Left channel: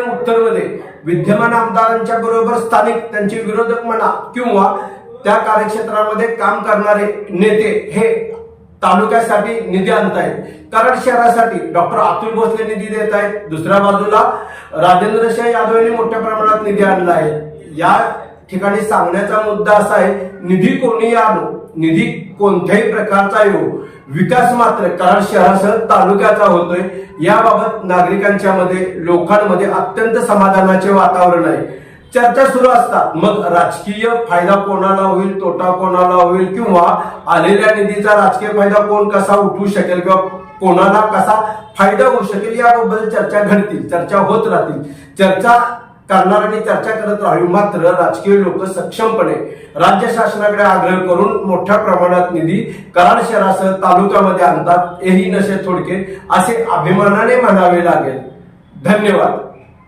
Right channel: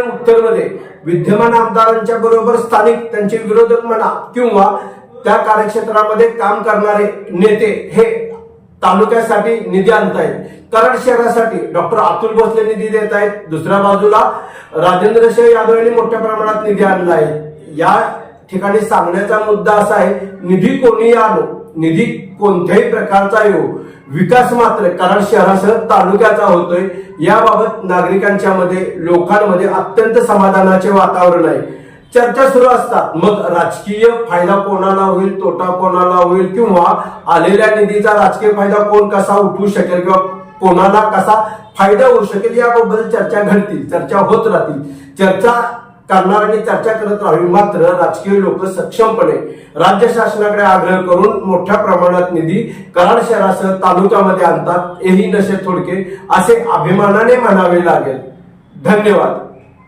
उत्तरमध्ये विद्यमान आमदारांच्या बरोबर स्थानिक त्यांचे विरोधक म्हणा किंवा त्या कार्यक्षेत्रामध्ये काम करणारे नेते हे तालुक्यासाठी निधी आणतायत। कराड शहरासाठी डॉक्टर अतुल भोसले निधी देत आहेत, दुसऱ्या बाजूला राजेंद्र शाह यादव यांनी मोठ्या प्रमाणात निधी आणला आहे। या ठिकाणी सांगण्याचा मुद्दा असा आहे, निधी कोणी आणो, निधी कोणत्याही प्रकारचा येऊ, विकास मात्र कराड शहरासह तालुक्याचा होतोय। याबाबत नागरिकांच्या मध्ये लोकांमध्ये अत्यंत समाधानाचे वातावरण आहे। चर्चा सुरू असतात, मग राजकीय फायदा कोणाला होईल, तोटा कोणाला होईल किंवा आलेल्या निधीचा राजकीय फायदा कोण कसा उठवू शकेल किंवा कोणाला कसा फायदा होऊ शकेल याबद्दल चर्चा घडतील, चर्चा होत राहतील। चर्चा करणाऱ्यांनी चर्चा करत राहावी, मात्र राजकीय लोक सक्षमपणे राज्य शासनाकडे आग्रह करून मोठ्या प्रमाणात निधी कराड शहरासह तालुक्यामध्ये आणतात। हेही नशे थोडके असे अभिमानाने म्हणावे लागेल। धन्यवाद।